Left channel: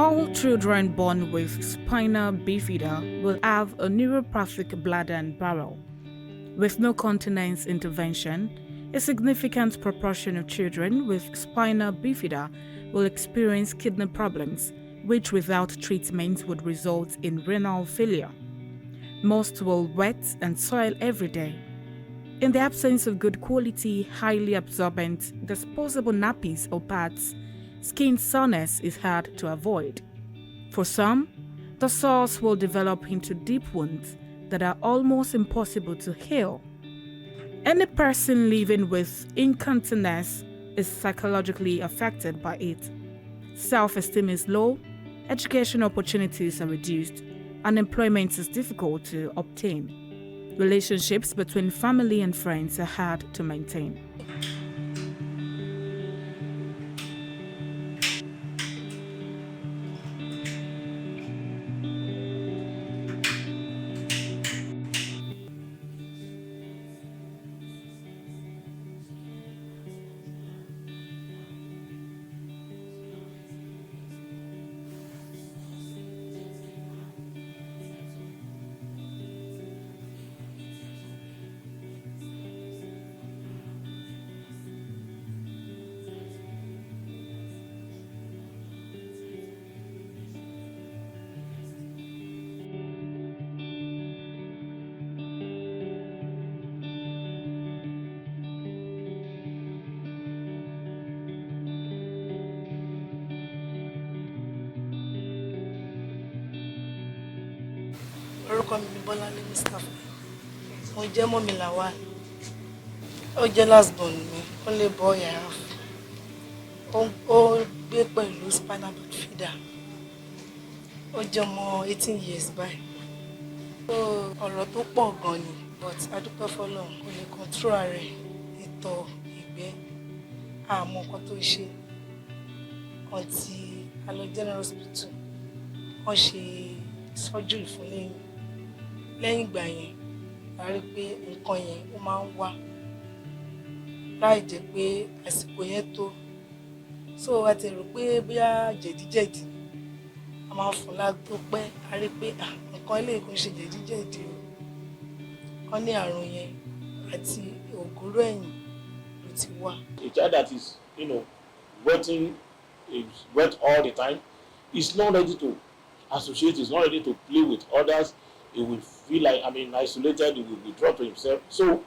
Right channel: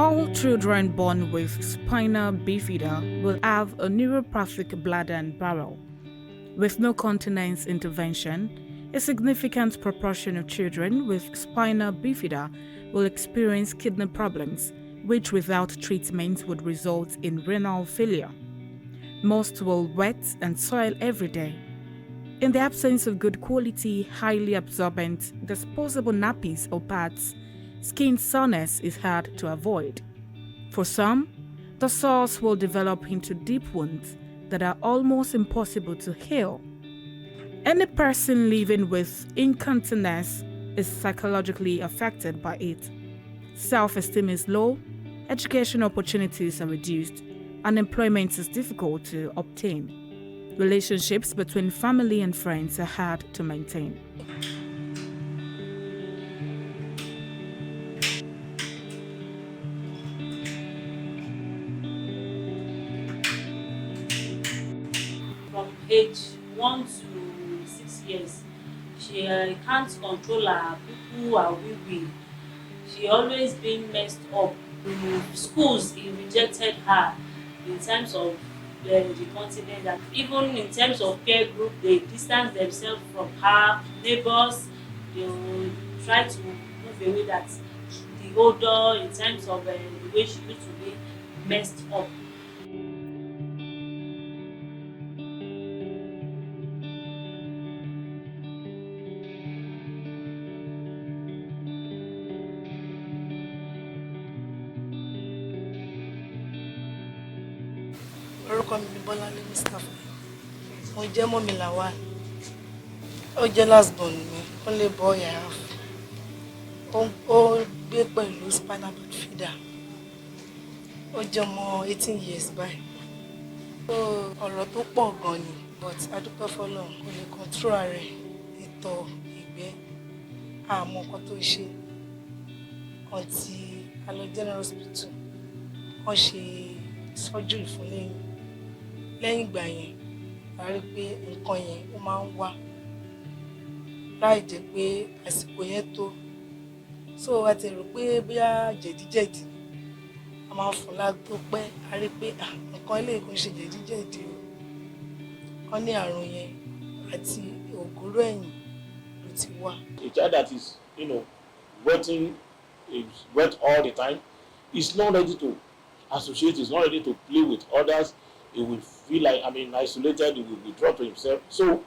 All children born with spina bifida will have a neuropathic bladder and bowel. With no continence intervention, a significant proportion of children with spina bifida will experience kidney problems, which without treatment would result in renal failure. Most will wet and soil every day. In the absence of good quality, highly absorbent, disposable nappies or pads, skin soreness is hard to avoid. For some, the sores will develop into deep wounds that are almost impossible to heal. Any person living with incontinence is psychologically affected by it. Self-esteem is low, education opportunities are reduced, and employment is difficult to obtain. Relationships between family and friends are hard to maintain. From age 1 to 6 years, she can't control her poo and wee. She always been messed up. Schools they rejected her in terms of the continent, and even in terms of peer group they distance themselves from her. Neighbors they will try to move away that the odor in terms of the way she used to be messed up. Orúkọ mi ni Bọ́láńlé Mustapha. Mo jẹ́ mọ́mì Lawal. Ó jẹ́ last born mi, only boy I have. Ó gbé pẹ̀lú spinal bifida. Ó jẹ́ ọmọ 18 years báyìí. Ọ̀rọ̀ tó pọ̀ gan ni, but adúpẹ́ f'Ọlọ́run kò lè control rẹ̀, ìtọ̀, ìgbẹ́, àmọ́ nǹkan tó ṣe. Until a lọ general hospital, wọ́n ṣe surgery fún lẹ́yìn. Lẹ́yìn ìgbà yẹn a rí pé nǹkan yẹn ó máa ń wá láì jẹ́ pé àsìkò yẹn tó. So a ti rò pé bóyá jẹ̀díjẹ̀dí a máa fún lágbo pẹ́ a rí pé nǹkan eléyìí kò ń ṣe jẹ̀díjẹ̀dí o. Wọ́n ní àrùn yẹn àti ògóró ẹ̀yìn ló ti wá. A child that is, wetting, is wet all the time, is not ready to associate, is not ready to play with others. He will feel like, isolated, he will withdraw to himself. So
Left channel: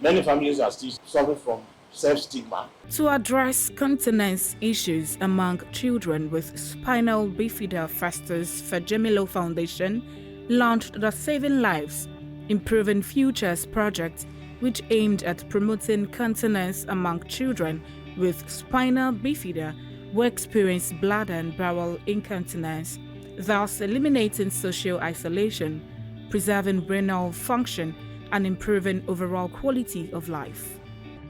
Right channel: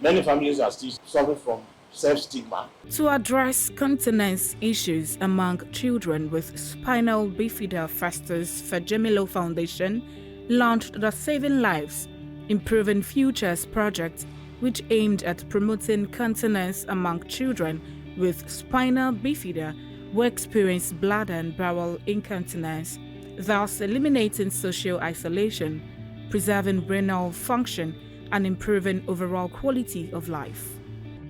many families are still suffering from self-stigma. To address continence issues among children with spinal bifida, Festus Fajemilo Foundation launched the Saving Lives, Improving Futures project, which aimed at promoting continence among children with spinal bifida who experience bladder and bowel incontinence, thus eliminating social isolation, preserving renal function, and improving overall quality of life.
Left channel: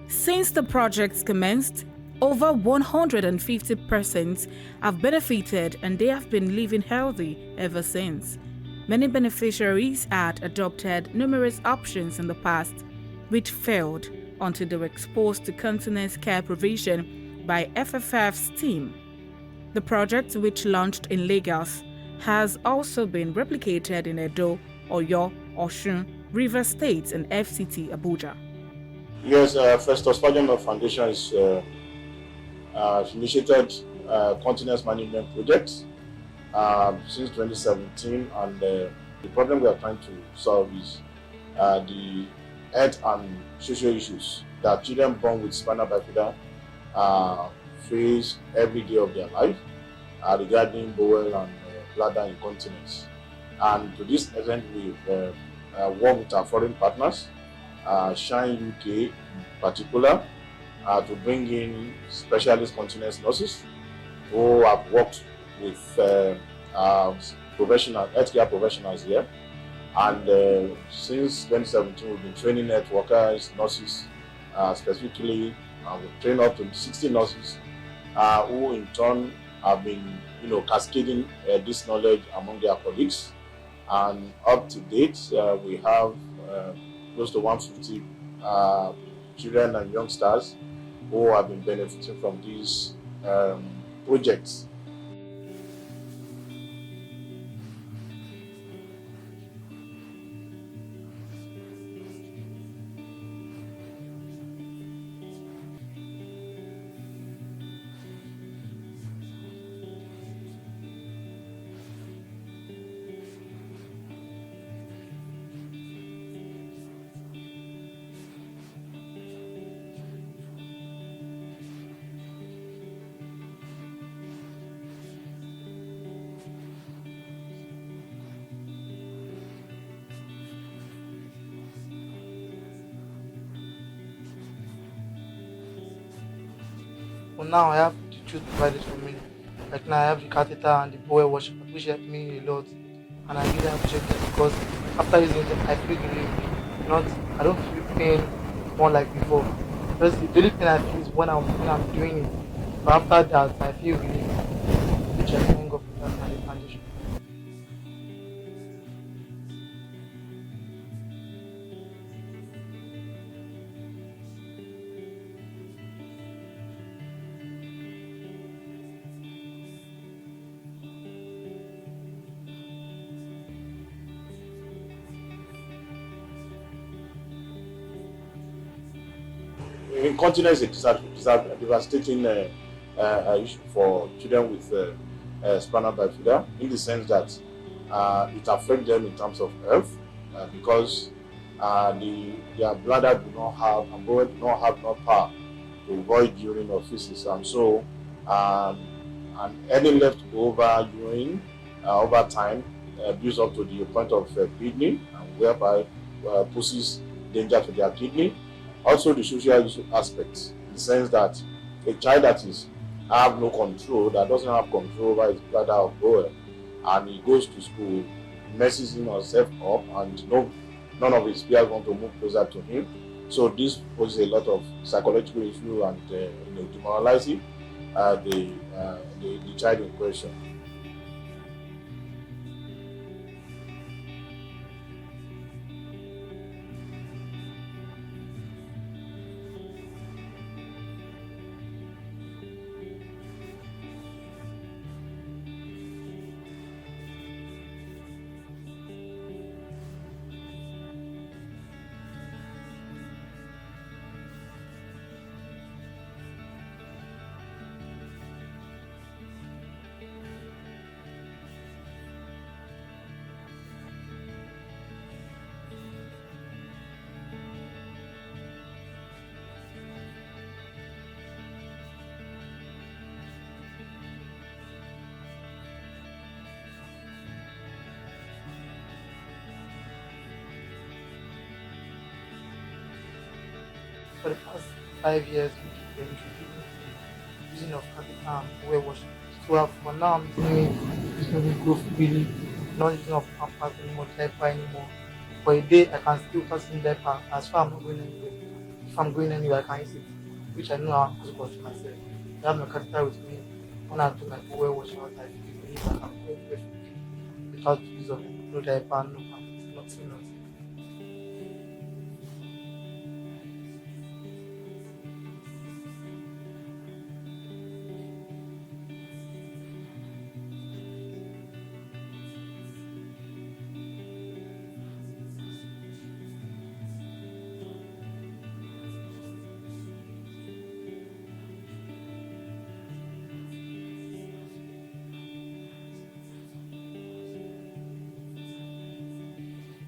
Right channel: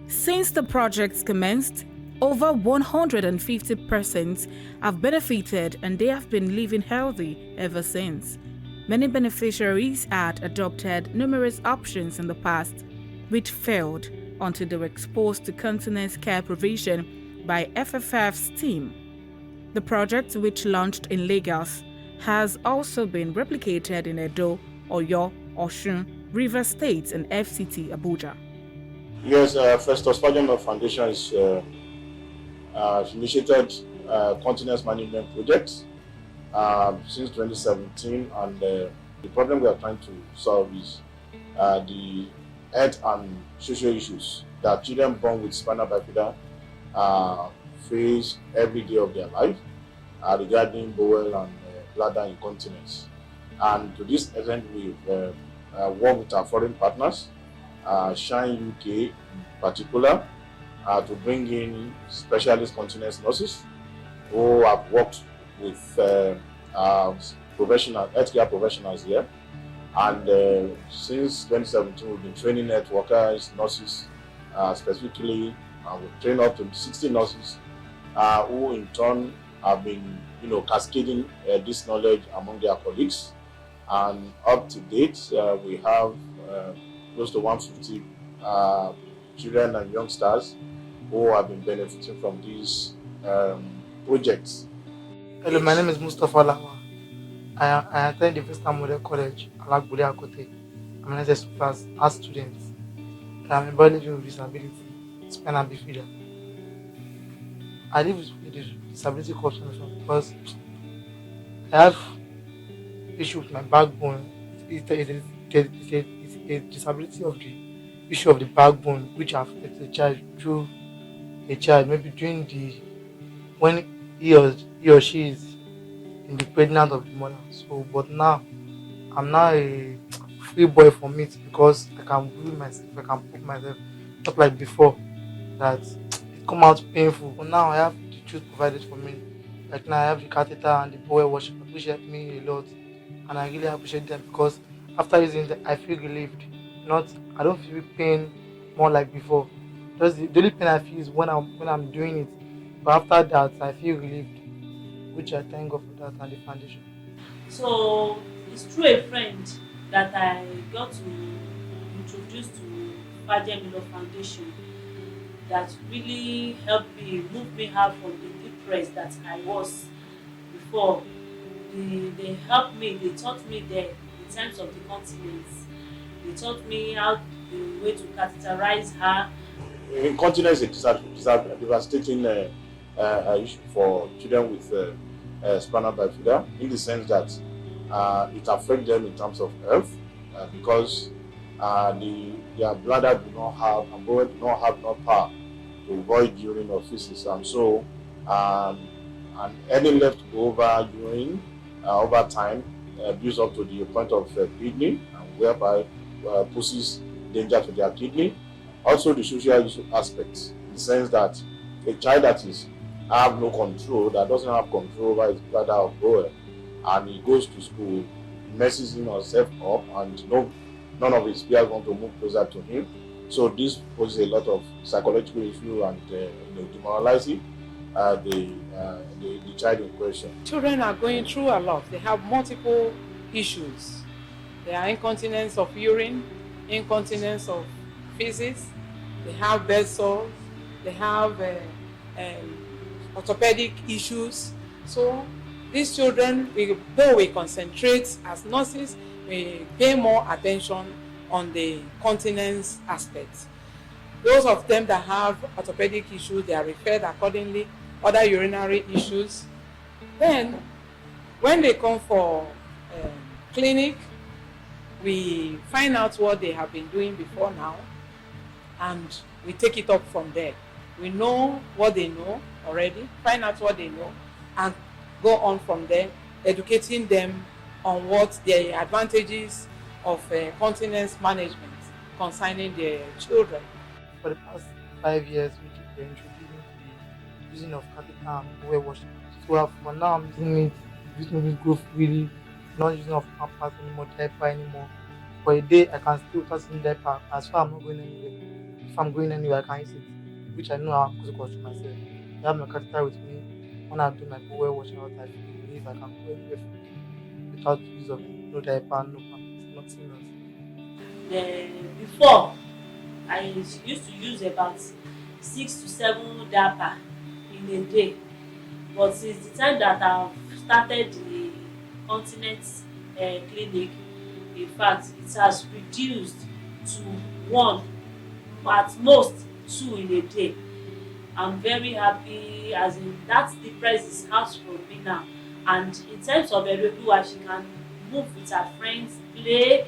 Since the project commenced, over 150 persons have benefited and they have been living healthy ever since. Many beneficiaries had adopted numerous options in the past, which failed until they were exposed to continence care provision by FFF's team. The project, which launched in Lagos, has also been replicated in Edo, Oyo, Osun, Rivers State, and FCT Abuja. Yes, Festus Fajemelo Foundation is initiated continence management projects since 2017, and the problem we are trying to solve is the health and social issues that children born with spinal bifida face every day of their life regarding bowel and bladder incontinence. And to this extent, we've worked with our foreign partners, Shine UK in particular, to bring in specialist continence nurses who have worked with healthcare professionals here. And since 2017, we've been training health workers, nurses specifically, and we've trained up to 60 nurses who in turn have been cascading this knowledge among their colleagues. And up to date, we have close to 150 children and youngsters who have been benefiting from these projects. Hello, my name is Mustafa Lawa. I attend the First Time Model College, Alagbode Akote. I'm an SS class art student. I'm a body with disability, spinal bifida. I live with the disability condition because I have issue with my backbone. It's a disability of the issue of the backbone which affects the child through a child maybe during the when he or she is in the pregnant of the mother. So, but now I'm now a free boy from it because I can do myself, I can put myself, not like before that it come out painful. But now I have the truth provided for me. Like now I have the catheter and the bowel washout, which helped me a lot, and I really appreciate that because after using it, I feel relief. Not I don't feel pain more like before. Just the only pain I feel is when I'm doing it. But after that, I feel relief, which I thank God for that and the foundation. So it's through a friend that I got to introduce to Fajemilo Foundation that really helped me move me out from the depressed that I was before. They helped me, they taught me there in terms of the continence. They taught me how the way to catheterize her. Incontinence is a devastating issue for children with spinal bifida, in the sense that it affects them in terms of health because their bladder do not have and bowel do not have enough power to void urine or feces, and so and any leftover urine over time builds up to the point of kidney, and whereby poses danger to their kidney. Also, the social aspects, in the sense that a child that is have no control, that doesn't have control over his bladder or bowel, and he goes to school, messes himself up, and none of his peers want to move closer to him. So this poses a lot of psychological issue and demoralizing the child in question. Children are going through a lot. They have multiple issues. There are incontinence of urine, incontinence of feces, they have bed sores, they have orthopedic issues. So these children, though we concentrate as nurses, we pay more attention on the continence aspect. Those of them that have orthopedic issues, they are referred accordingly, other urinary issues. Then, when they come for clinic, we find out what they have been doing before now, and we take it up from there. We know what they know already, find out what they know, and go on from there, educating them on what the advantages of continence management concerning their children. For the past 5 years, we were introducing to the using of catheter and bowel washing. So for now, I'm using it go freely, not using of pampers anymore, diaper anymore. For a day, I can still without using diaper as far as I'm not going anywhere. If I'm going anywhere, I can use it, which I know I'm supposed to myself. I have my catheter with me. When I do my bowel washout, I feel relief. I can go anywhere freely without the use of no diaper, no pampers, nothing else. Before, I used to use about 6 to 7 diaper in a day, but since the time that I've started the continence clinic, in fact it has reduced to 1, at most 2 in a day. I'm very happy, as in that difference is out from me now. And in terms of Erebuwa, she can move with her friends, play,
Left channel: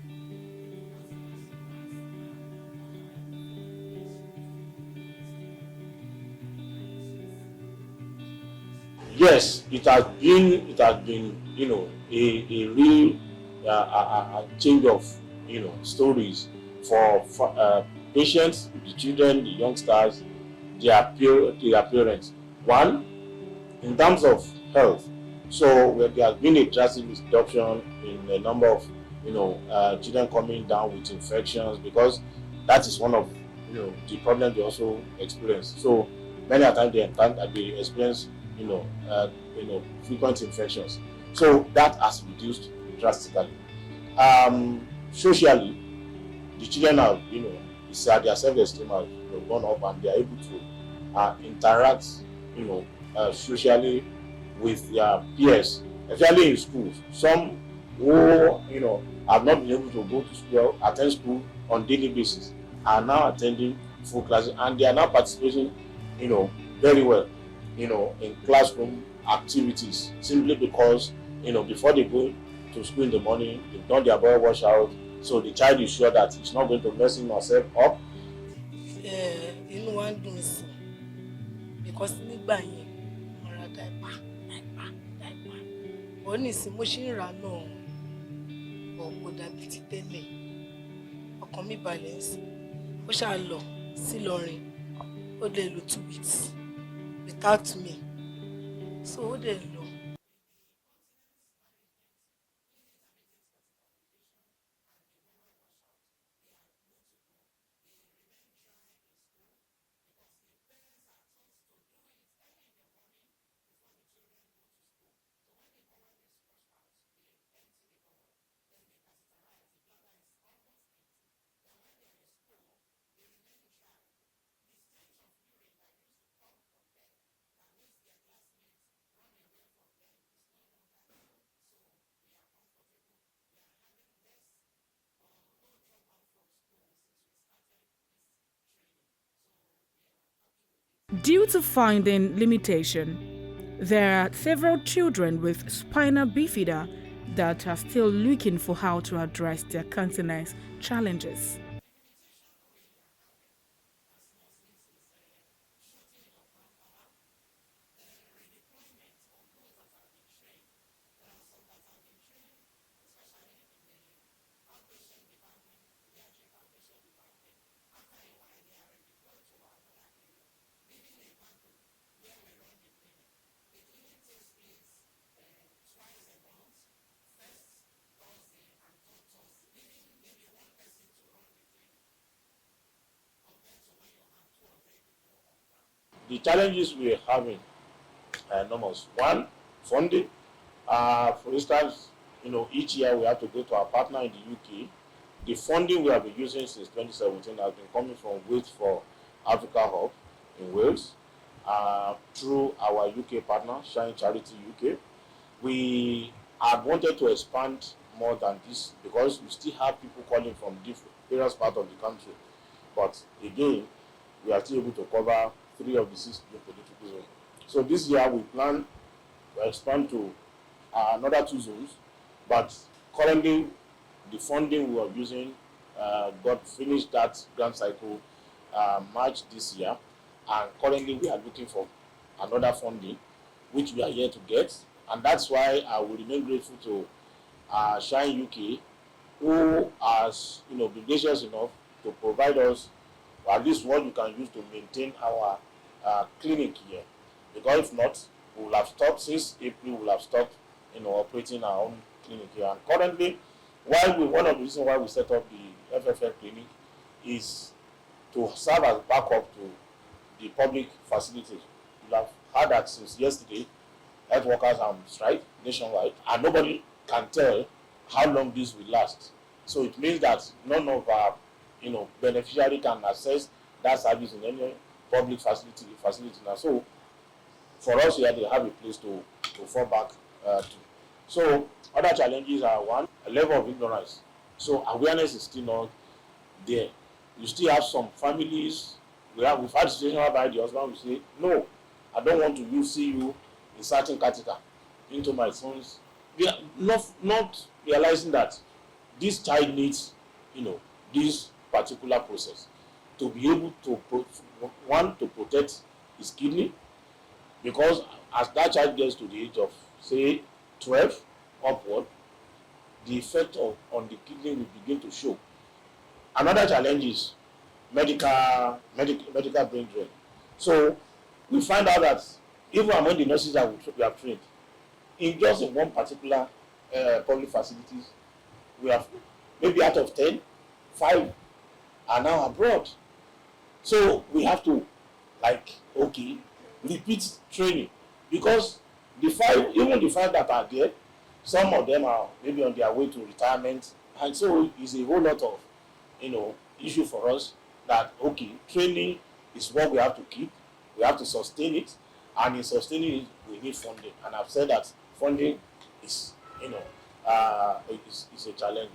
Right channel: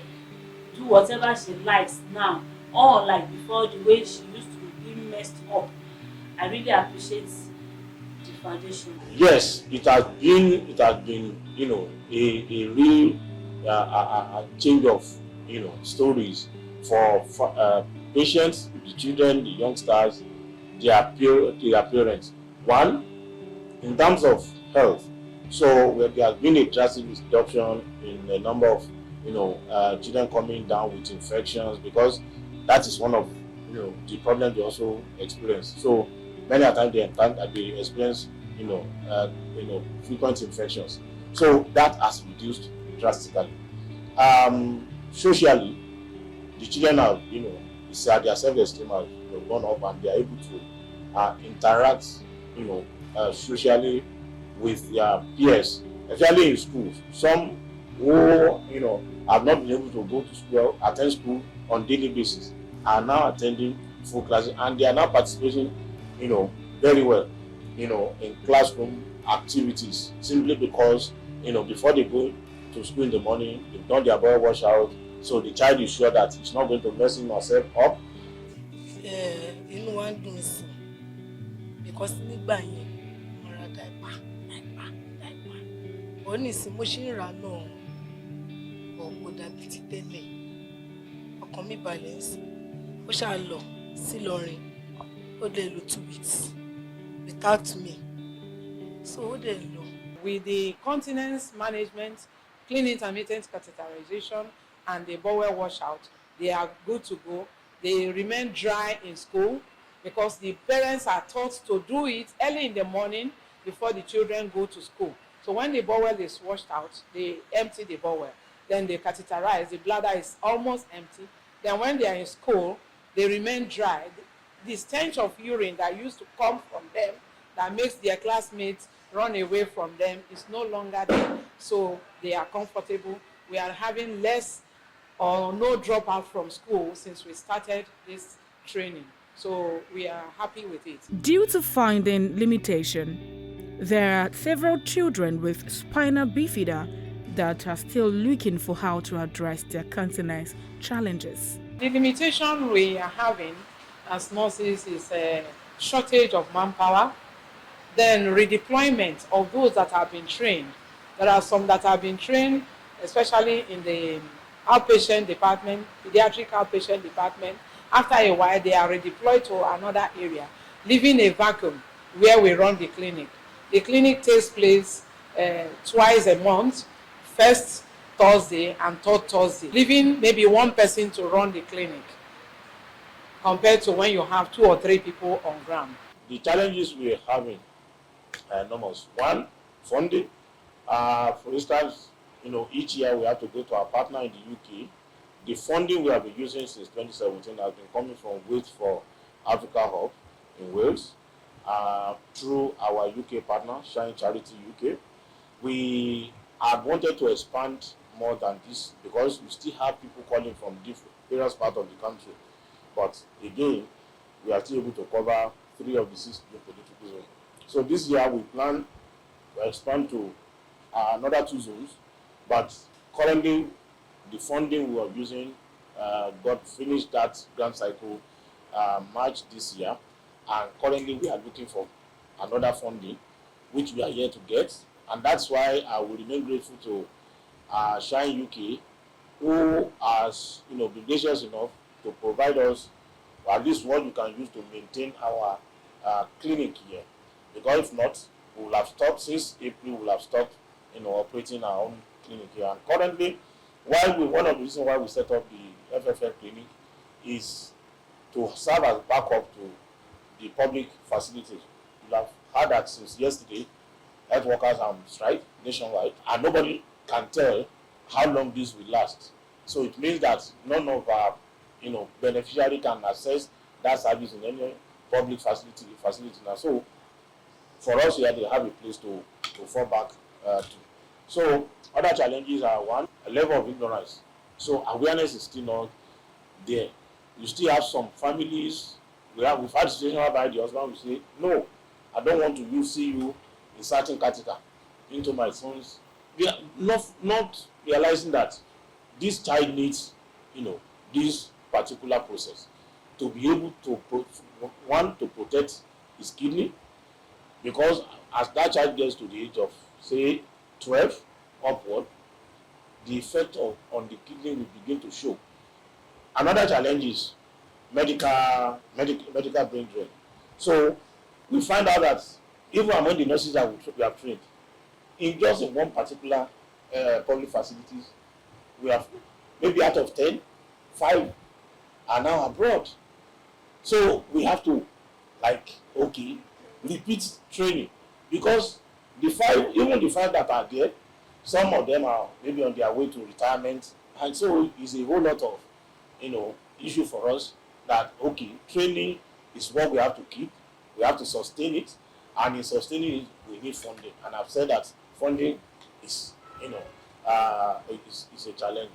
do whatever she likes now, unlike before, the way she used to be messed up. I really appreciate the foundation. Yes, it has been a real a change of stories for patients, the children, the youngsters, their parents. One, in terms of health, so where there has been a drastic reduction in the number of children coming down with infections, because that is one of the problems they also experience. So many a time they experience frequent infections. So that has reduced drastically. Socially, the children are their self-esteem has gone up, and they are able to interact socially with their peers, especially in schools. Some who have not been able to go to school, attend school on daily basis, are now attending full classes, and they are now participating, very well, in classroom activities, simply because before they go to school in the morning, they've done their bowel washout, so the child is sure that it's not going to mess him or herself up. Inú wa ń dùn sí because nígbà yẹn mo ra diaper ó ní ìsìn mo ṣì ń rà náà kò dàbí ti tẹ́lẹ̀ ọkàn mi balẹ̀ sí ó ṣáà lọ sí Ìlọrin ó dẹ̀ lò 2 weeks without me so ó dẹ̀ lọ. With the continence management, clean intermittent catheterization, and the bowel washout, they are good to go. They remain dry in school because the parents are taught to do it early in the morning before the children go to school. So when the bowel is washed out, they empty the bowel. Then they catheterize. The bladder is almost empty. Then when they are in school, they remain dry. The stench of urine that used to come from them, that makes their classmates run away from them, is no longer there. So they are comfortable. We are having less or no dropout from school since we started this training. So we are happy with it. Due to finding limitation, there are several children with spinal bifida that are still looking for how to address their continence challenges. The limitation we are having as nurses is a shortage of manpower, then redeployment of those that have been trained. There are some that have been trained, especially in the outpatient department, pediatric outpatient department. After a while, they are redeployed to another area, leaving a vacuum where we run the clinic. The clinic takes place twice a month, first Thursday and third Thursday, leaving maybe one person to run the clinic compared to when you have 2 or 3 people on ground. The challenges we are having are enormous. One, funding. For instance, each year we have to go to our partner in the UK. The funding we have been using since 2017 has been coming from Wait for Africa Hub in Wales, through our UK partner, Shine Charity UK. We had wanted to expand more than this because we still have people calling from various parts of the country. But again, we are still able to cover 3 of the 6 geo-political zones. So this year we plan to expand to another 2 zones, but currently the funding we are using got finished that grant cycle March this year, and currently we are looking for another funding which we are here to get, and that's why I will remain grateful to Shine UK, who has been gracious enough to provide us at least what we can use to maintain our clinic here, because if not, we will have stopped since April. We will have stopped operating our own clinic here. And currently, one of the reasons why we set up the FFF clinic is to serve as backup to the public facilities. You have heard that since yesterday, health workers are on strike nationwide, and nobody can tell how long this will last. So it means that none of our beneficiary can access that service in any public facility now. So for us here, they have a place to fall back to. So other challenges are, one, a level of ignorance. So awareness is still not there. You still have some families. We've had a situation whereby the husband will say, "No, I don't want to see you inserting catheter into my son's." We are not realizing that this child needs, this particular process to be able to protect his kidney, because as that child gets to the age of, say, 12 upward, the effect on the kidney will begin to show. Another challenge is medical brain drain. So we find out that even among the nurses that we have trained, in one particular public facilities, we have maybe out of 10, 5 are now abroad. So we have to repeat training, because even the 5 that are there, some of them are maybe on their way to retirement, and so it's a whole lot of issue for us that training is what we have to keep, we have to sustain it, And in sustaining it, we need funding. And I've said that funding is, is a challenge.